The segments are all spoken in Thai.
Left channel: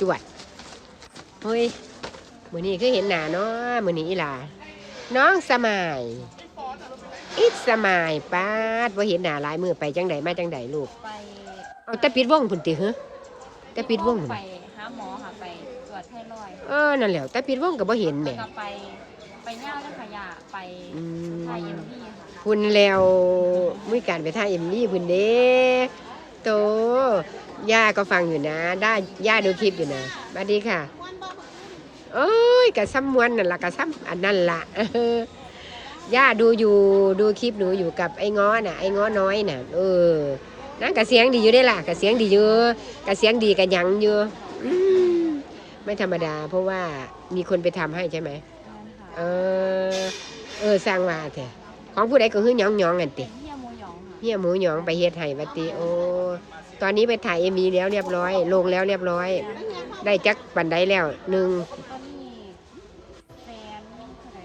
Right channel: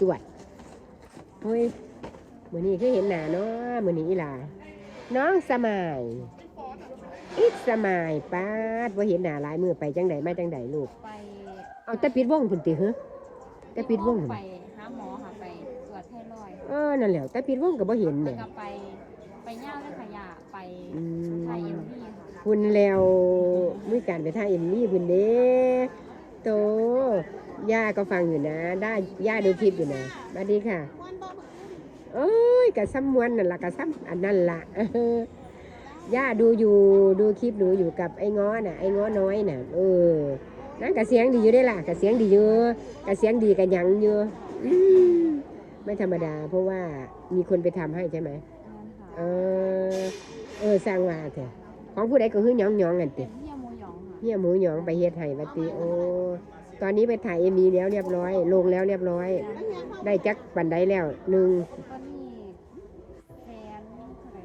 จวดเฮ้ยมือนี้คือเห็นหน้าเนาะมือนี้อีหลาน้องสมายอิดสมายป้าดว่าเห็นหน้าหลายมือไปจังใดมาจังใดลูกไปเอาแต่ปิดวงพุ่นติเหรอแต่ปิดวงพุ่นไปหาหมอค่ะไปตรวจไทรอยด์เออนั่นแหละแต่ปิดวงก็บ่เห็นแหแล้ม่วก็ไปไปย่าและขยะไปอืทายมเอ็มพีค่ะ พุ่นแล้วมือการไปท่าเอ็มนี่พุ่นเด้โตย่าก็ฟังอยู่นะ ได้ย่าดูคลิปอยู่นะสวัสดีค่ะโอ้ยกะซ้ำมวนนั่นละกะซ้ำอันนั่นล่ะย่าดูอยู่ดูคลิปหนูอยู่กับไอ้ง้อน่ะไอ้ง้อน้อยน่ะเออนั่นกะเสียงดีอยู่ได้ล่ะกะเสียงดีอยู่กะเสียงดีกะยังอยู่อืมไม่ธรรมดา เพราะว่ามีคนไปทำให้ใช่ไหมเออ เออสร้างว่าแท้ของผู้ใดก็คือหยองหยองกันติ เฮียโมยองค่ะเฮียหมูหยองไปเฮ็ดให้บัดติโอ้ตอนนี้ไปถ่ายเอ็มีแล้วเรียบร้อย ลงแล้วเรียบร้อย ได้จักปันไดแล้วหนึ่งตอนนี้แฟนเท่าไหร่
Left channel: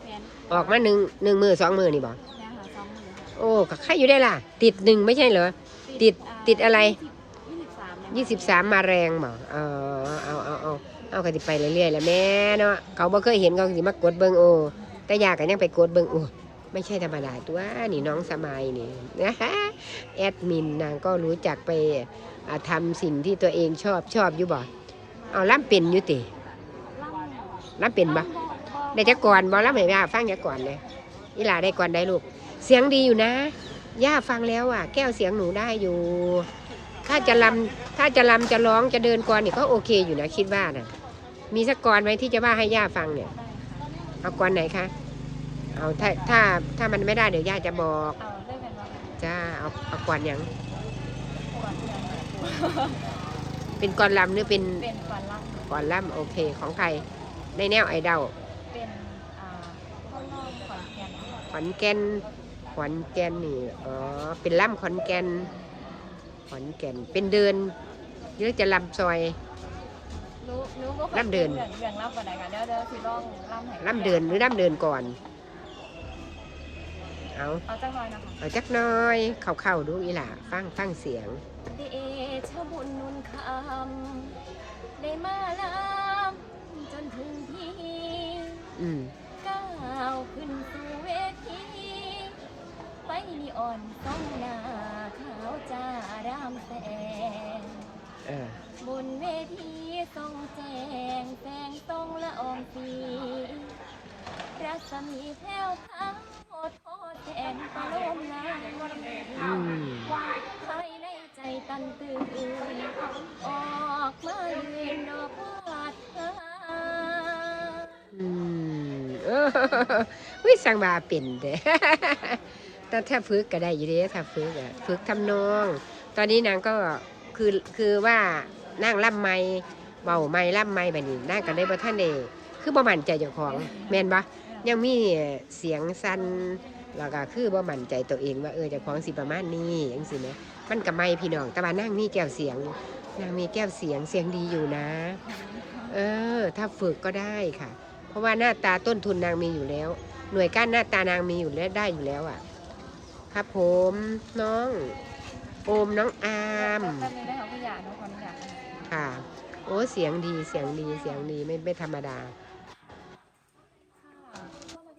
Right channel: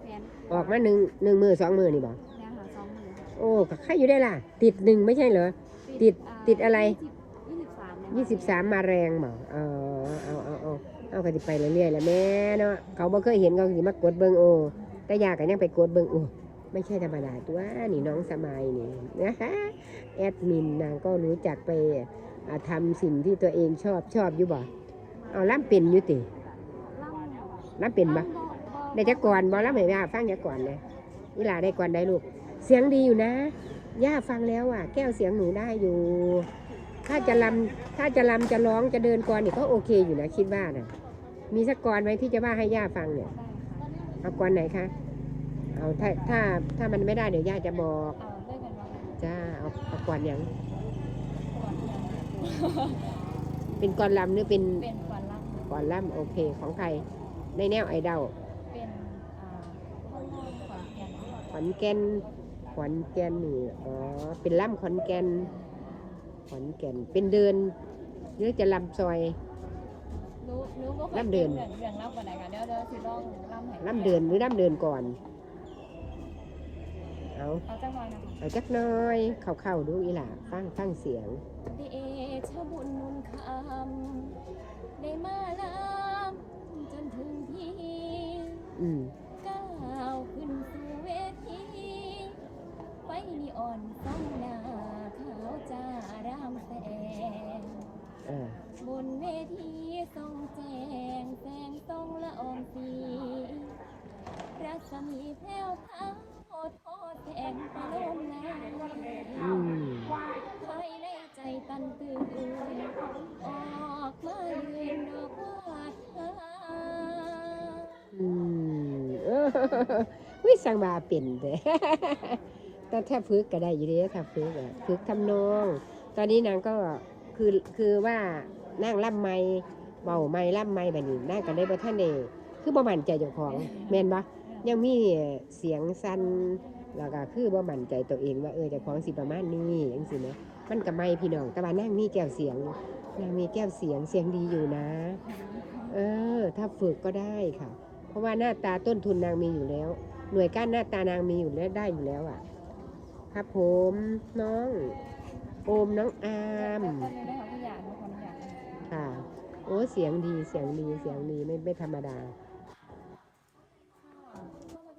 แฟนออกมาหนึ่งหนึ่งมือสองมือนี่บ่เนี่ยค่ะสองหมื่นค่ะโอ้ก็ใครอยู่ได้ล่ะ ติดหนึ่งไม่ใช่เหรอ ติดาติดอะไร ยี่สิบสามเนี่ยยี่สิบสามมาแรงบ่เออเอาเอาเอาเอาก็สิไปเรื่อยๆแหล้วแม่เนาะเขาบ่เคยเห็นเขาก็สิมากดเบิ่งโอ้แต่อยากกันยังไปกดเบิ่งโอ้ ไม่ใช่ธรรมดาตัวนี่น้องสมัยนี่นะฮะแอดมินนางก็รู้จักไปอ่าทำสิ่งที่ตัวเองชอบชอบอยู่บ่เอาล่ำเป็นอยู่ติล่ำล่ำเป็นบ่ได้จักก่อนบ่ล่ำให้ย่าฟังจักก่อนเลยอีหลาได้ก่อนได้ลูก เสียงดีอยู่นะ ย่าฟังแล้วอะ แก้วเสียงหนูได้อยู่ ถ้าจะลำถ้าจะลำจะร้องจะเดินก่อนนี่ก็โอเคอยู่นะคิดว่าน่ะมีสักก่อนไหมที่จะว่าให้ย่าฟังเนี่ยได้ค่ะเอาก่อนไหนคะ เอาถ้าถ้าถ้ามันไม่ได้เดี๋ยวย่าจะบอกเอาได้เป็นว่าจ้าเอาเอาก่อนหยังก่อนยังเป็นก่อนลำหรือเป็นเป็นก่อนล่ำก่อนล่ำโอเคของใครในแนวไอดอลเป็นอ่าข้างนอกขอนแก่นค่ะขอนแก่นขอนแก่นนี่อ๋อเป็นล่ำขอนแก่นขอนแก่นเป็นเดินหรือจะลำซอย รู้รู้ก็ล่ำเดิน เรื่องเรื่องล่ำกันไหนกันเดี๋ยวเดี๋ยวสิลองล่ำให้ล่ำเดินหรือล่ำเดินก่อน เอาเอาจังหน่อยนะคะเอาจักหน้อยเข้าๆดูอีหล่ะฟังฟังเสียงเดชะบุญนุนคำได้มาลำจนถึงที่อืมก้าวขึ้นสู่เวทีไปนีอ่อนต้องหน้าขาวจ้ารามแสงเออบนเวทีทรงแจงแสงทรงละอองสีรัศมีแผ่วพร ลมนาอืมภายในใจตันตื่นออกมายืนดอกวาดหาอืมเออวิสังบาเป็นเด้ แต่ถ้าฝึกก็ได้อยู่เด้ถ้าฝึกอะฝึกทำนอง ตอนนี้นางก็คือคือว่านั่งล่ำไม่เบาไม่ล่ำไม่แบบนี้นางก็ได้บ่ท่านเดคือบ่มั่นใจเจ้าของแม่นบ่ยังมีเสียงสั่น แล้วก็คือบ่มั่นใจตัวเองว่าเออเจ้าของสิประมาณนี้จังซี่นะมันก็ไม่พี่น้องแต่ว่านั่งมีแก้วเสียงนางมีแก้วเสียงเสียงดีอยู่นะ เออ ถ้าฝึกก็ได้ค่ะ เพราะว่าหน้าตาต้นทุนนางมีอยู่แล้ว หน่วยก้านหน้าตานางมีอยู่แล้วได้อยู่แล้วอะ ครับผมน้องโอมน้องอามแป๊บนึงได้ค่ะผู้ใหญ่น้องขออนุญาตนะคะค่ะ โอ้เสียงดีเสียงดีเสียงดีไม่ไม่ธรรมดา ค่ะ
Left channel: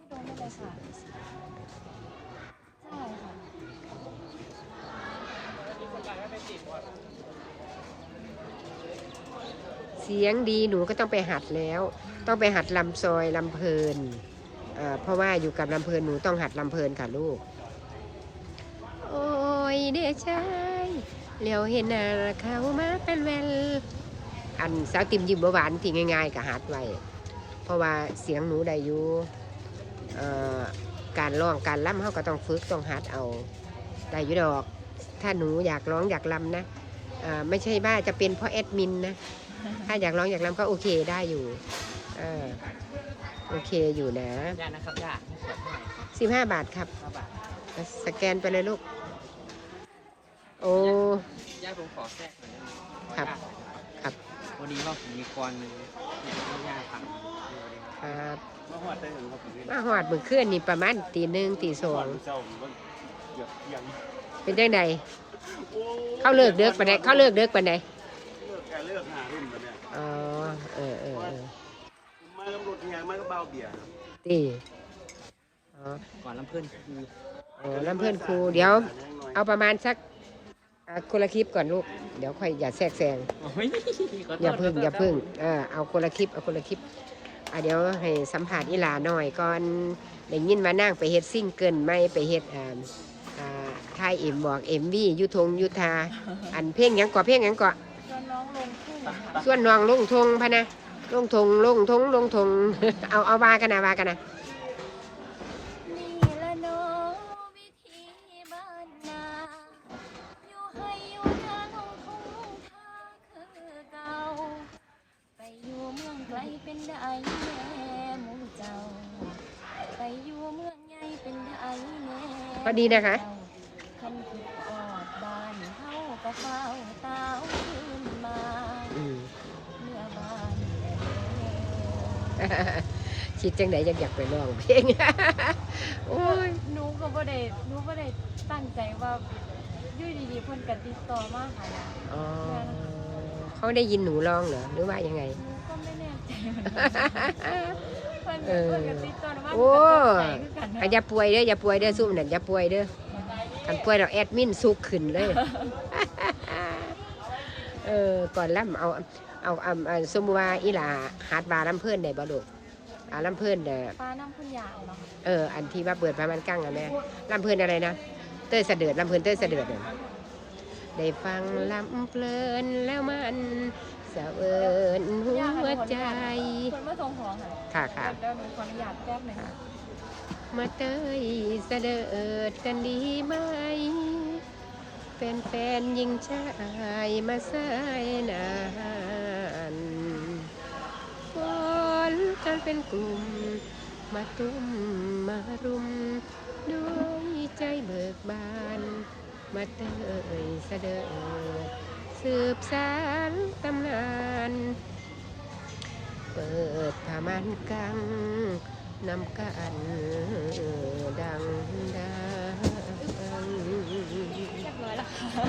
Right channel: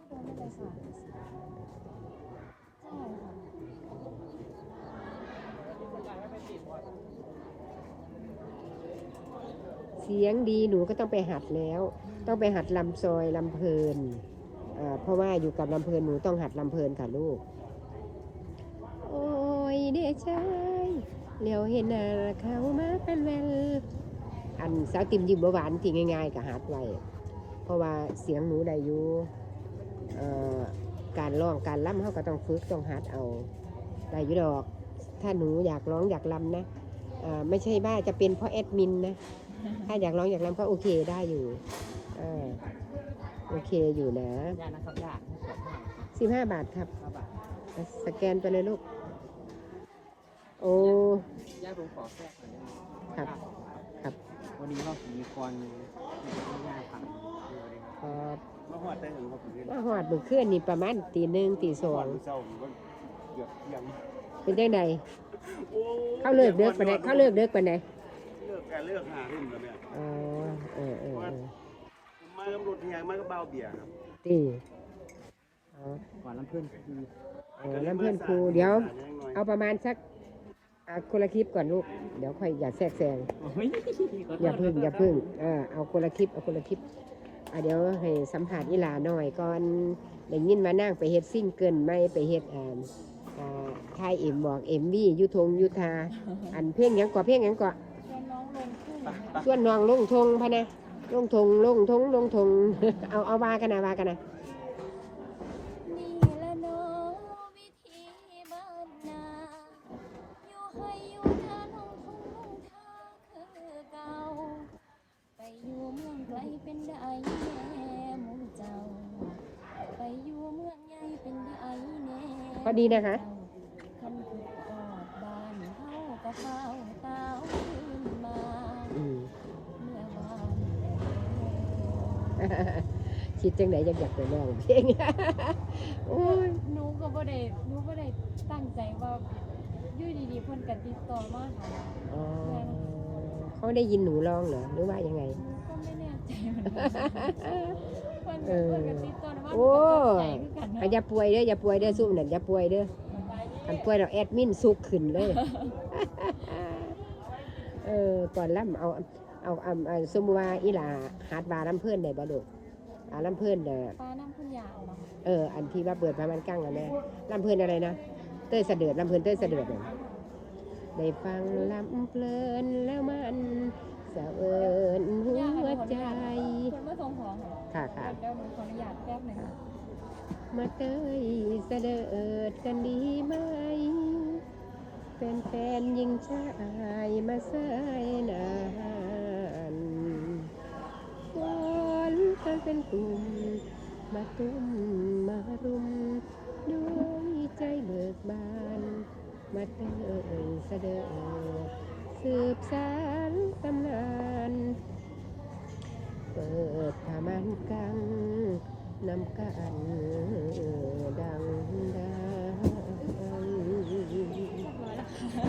เข้ามา เลยค่ะใช่ค่ะเสียงดีหนูก็ต้องไปหัดแล้ว ต้องไปหัดลำซอยลำเพลินเอ่อเพราะว่าอยู่กับลำเพลินหนูต้องหัดลำเพลินค่ะลูก โอ้ยเดชายเหลียวเห็นหน้าเขามาเป็นแวล อันสาวติมยิ้มหวานที่ง่ายๆกับหัดไว้เพราะว่าเสียงหนูได้อยู่ การร้องการล่ำเขาก็ต้องฝึกต้องหัดเอาได้อยู่ดอก ถ้าหนูอยากร้องอยากลำนะเอ่อไม่ใช่ว่าจะเป็นเพราะแอดมินนะถ้าอยากร้องอยากรำก็โอเคได้อยู่เออโอเคอยู่นะยานะครับยาสิบห้าบาทครับห้าบาทสแกนไปเลยลูก โอ้ยาผมขอแทรกหน่อยได้ไหมครับครับพอดีว่าผมมีคอนหนึ่งอยากให้ยาทำดูดิครับ มาหอดได้หรือครับผมมาหอดมือเคลื่อนนี่ประมาณตีหนึ่งตีสองเจ้าผมก็เหยียบเอียังเป็นจังไดเขาเลิกเด็กปานใดเขาเลิกเด็กปานใดเลิกกันเลิกหารุ่นแล้วเนี่ยอ๋อเออเออเออผมมากับรถเฮียมากับเบาเบียร์ตีอ๋อก่อนน้ำเพื่อนคือเออน้ำเพื่อนครูเดี๋ยว เอาประมาณสักอะคนละคลิปก่อนลูก เดี๋ยวค่อยอย่าแทรกแซงโอ้ยขโทษอย่าพึ่งขโทษอย่าพึ่งเออเอาคนละคลิปเอาคนละคลิป อะเดี๋ยวให้สัมผัสอีหลาหน่อยก่อนได้ยินมานั่งไปเฮ็ดซิ่งเกินไม่ไปเฮ็ดอ่าอ่าทายเอ็มบอกเอ็มวียุทงยุทธาอันเพลงหยังก่อเพลงหยังก่อจนน้องลงทุ่งค่ะส่วนน้องลงทงพะนะลงทงลงทงลงทง เอาเอาวากันนะวากันนะ เมืองไกลเป็นได้แม่หมูเจ้า ไปอยู่เมืองใหญ่เป็นได้แม่พอดีนะคะ คันคือออดบ้านเฮาก็เฝ้าตาวขึ้นมาอืมเมื่อบ้านแม่คิดจังไหนอยากอยากไปร้องเพลง โอ้ยหนูก็บ่ได้หนูบ่ได้ตั้งใจว่าอยู่ดีๆเพิ่นก็ติดต่อมาหาหนูอ๋อ เขาได้ยินหนูร้องเหรอหรือว่ายังไงหนูก็ไม่แน่ใจเหมือนกันเพิ่นเออเพิ่นก็ติดต่อมาโอ้หนูก็ตกใจคือกันอะอย่าป่วยเด้ออย่าป่วยเด้อซุ่มนั่นอย่าป่วยเด้อคันป่วยเราแอดมินสุกขึ้นเลย เออก่อนล่ำเอาเอาเอาเอาสมมุติว่าอีหลาหาดบาลำเพื่อนได้บ่ลูกอ่าลำเพื่อนเด้อฟ้าน้ำพุ่นยาวเนาะเอออันที่ว่าเปิดพามันกั้งอะแม่ลำเพื่อนอะไรนะเต้ยเสด็จลำเพื่อนเต้ยเสด็จเนี่ย ได้ฟังลำเพลินแล้วมันสะเอินหัวใจคนมาส่งของค่ะค่ะค่ะเดี๋ยวหนูขออนุญาตแป๊บหนึงมาเตยเสด็จกันดีไหมเป็นแฟนๆยิงชายมาใส่นานฝนกันเป็นกลุ่ม มาตุ้มมารุมด้วยใจเบิกบาน มาเตยเสด็จสืบสารตำนาน เปิดผ้ามันกังนำกันดังดังเรียบแล้วค่ะ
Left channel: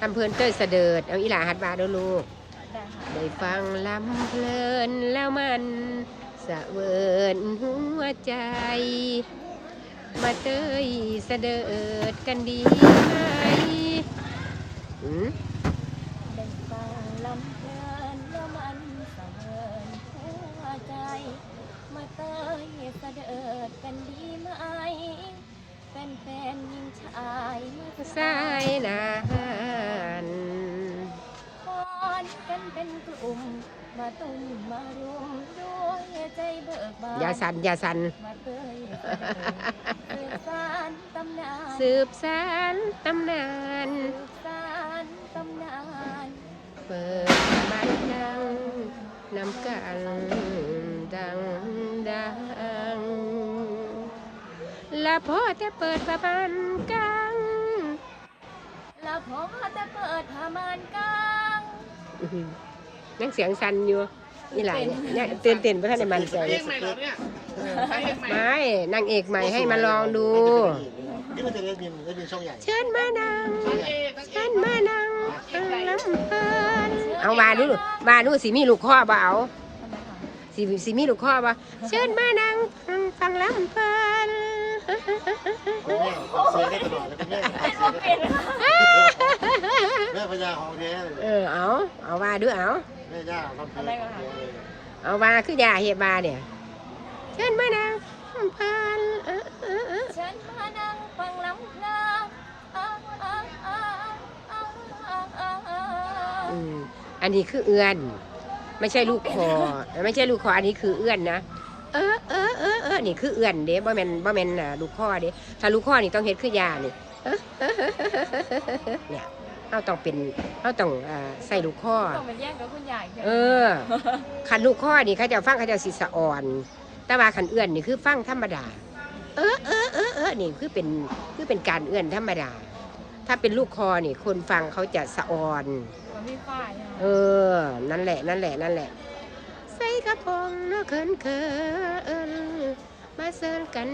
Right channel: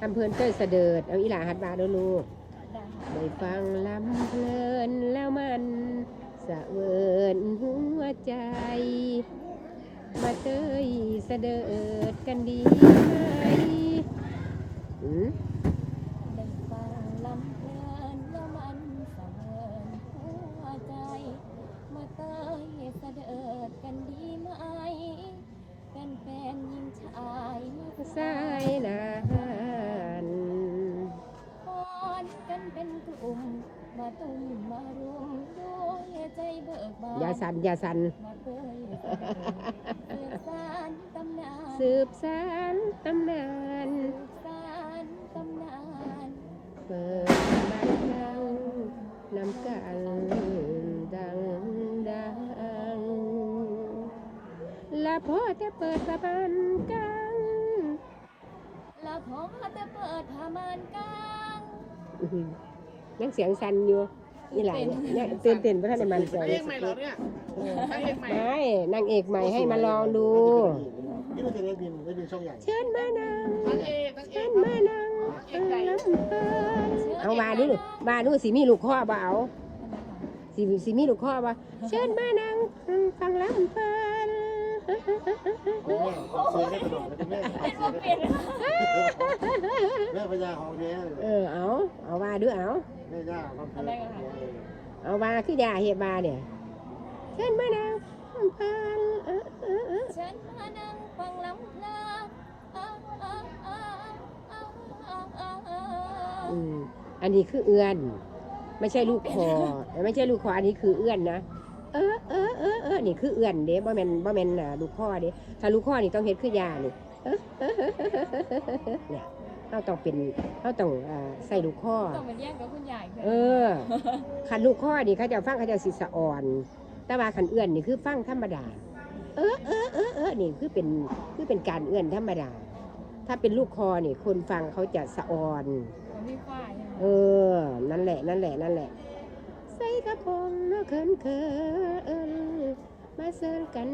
ทำเพลินเต้ยเสดเอาอีหลาหัดบาดูลูกได้ค่ะได้ฟังลำเพลินแล้วมันสะเวินหัวใจ มาเตยเสดิร์ดกันดีไหมอืมได้ฟังลำเพลินแล้วมันสะเวินหัวใจ มาเตยเสด็จกันดีไหมเป็นแฟนยิงชายมาสายนานคอนกันเป็นกลุ่ม มาตุ้มมารุมด้วยใจเบิกบานอย่าสันอย่าสันมาเตยเสด็จสืบสานตำนานสืบสารตำนานสืบสานตำนานเปิดบ้านดังนำกันดังดังและพอแต่เปิดประมาณกลางแล้วพอจะเปิดผ้ามานกลางอื้อหือ ยังเสียงสั่นอยู่นี่หลายเนี่ยเตื่นเต้นเพราะท่านในมันใจเพลงใหม่เหรอเนี่ยเพลงใหม่ไม่นางเอกใหม่ให้มาลองดู นี่มันจะได้บินได้บินช่องใหญ่เชิญมานางเอกเชิญมานางลำเพลินเอามาดูมาดูสิมีลูกข้อบ่เอาสิสิมีลูกข้อบ่เชิญมานังฟังลำเพลินเสียได้ตลอดเลยเป็นแม่เป็นเป็นค่ะแม่พญาของแท้เลยเออเอาเอาว่าดูเอา แม่ย่าทำอะไรกันคะเอาว่าคือยาเฮ็ดบาเนี่ยเชิญมานังลำเพลินเออเออเออฉันมานั่งฟังลำเพลินอ่าอ่าอ่าอ่าอ่าอ่าอ่าอืมอันนี้คือเอื้อน ไม่ใช่ลูกคอไม่ใช่ลูกคออันนี้คือเอื้อนนะเออเออเออเออนี่คือเอื้อนเด้บ่แม่นบ่แม่นอ่าลูกคอเด้ถ้าลูกคอนี่ต้องเฮ็ดคือยานี่เออเออเออเออเนี่ย เราต้องเป็นเราต้องอ่าใส่ลูกคอต้องเป็นแย่งกับคุณยายเออคันลูกคอนี่เขาจะฟังเขาจะสิสะอ่อน แต่ว่าคันเอื้อนนี่คือฟังธรรมดา เออเออเออเออนี่คือเป็นคือเป็นการเอื้อนธรรมดา ถ้าเป็นลูกคอนี่คนฟังเขาจะสะอ่อน มันมีฝ้ายใช่ไหมเออ นั่นแหละ นั่นแหละ นั่นแหละ ใส่กระโปรงเนาะเขินเขินมาเซินกัน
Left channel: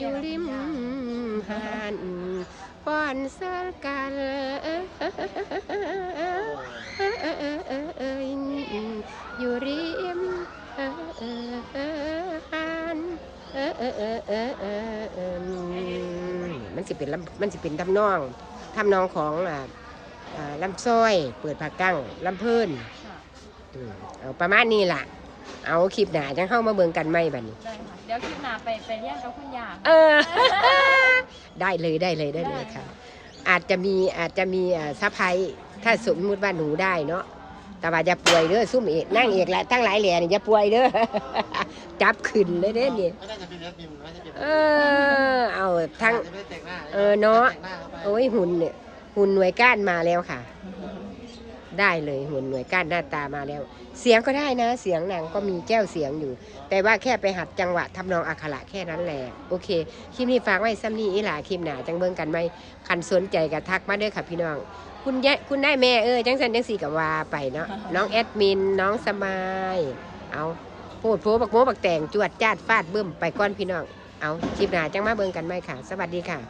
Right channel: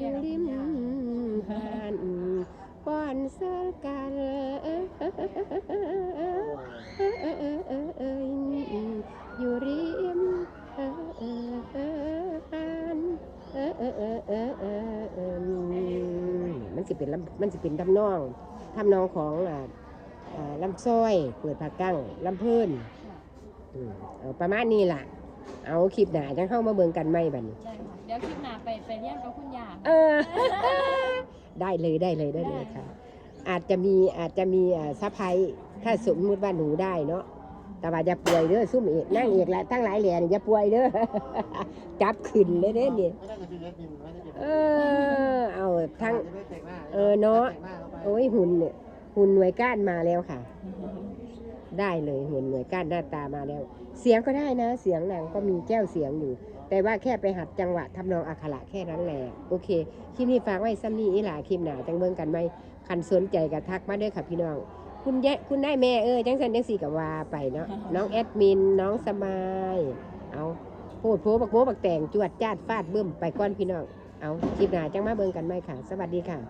อยู่ริมหาน ป้อนสื้อกันอยู่ริมหันมันสิเป็นลำมันสิเป็นทำนองทำนองของลำซ้อย เปิดผักกั้งลำเพิ่นค่ะอืมเอาประมาณนี้ล่ะ เอาคลิปหนาจังเข้ามาเบิ่งกันไหมบัดนี้ ได้ค่ะ เดี๋ยวคลิปหน้าไปไปเรียนกับคุณยา เออ ได้เลยได้เลยได้เลยค่ะ อาจจะมีอาจจะมีอ่าซัพไพรส์ถ้าสมมุติว่าหนูได้เนาะแต่ว่าอย่าป่วยเด้อซุ่มเอกนั่งเอกและทั้งหลายแหล่นี่อย่าป่วยเด้อ จับขึ้นเลยเด้อนี่ไม่น่าจะเป็นเลือดบิมไม่น่าจะเป็นเออ เอาทั้งจะไม่ได้แต่งหน้าเออเนาะแต่งหน้าเข้าไป โอ้ยหุ่นเนี่ยหุ่นหน่วยก้านมาแล้วค่ะ ได้เลยหุ่นหน่วยก้านหน้าตามาแล้ว เสียงก็ได้นะ เสียงนางก็มีแก้วเสียงอยู่ แต่ว่าแค่ไปหัดจังหวะทำนองอักขระแค่นั้นแหละโอเคคลิปนี้ฝากไว้ซ้ำนี้อีหล่าคลิปหนาจังเบิ่งกันไหมคันสนใจกับทักมาเด้อค่ะพี่น้อง คุณยะคุณได้แม่เออจังสันจังสี่กับว่าไปเนาะน้องแอดมินน้องสมายเอาโพดโพบักโมบักแต่งจวดจาดฟาดบึ้มไปก้อนพี่น้องเอาคลิปหนาจังมาเบิ่งกันไหมค่ะ สวัสดีค่ะ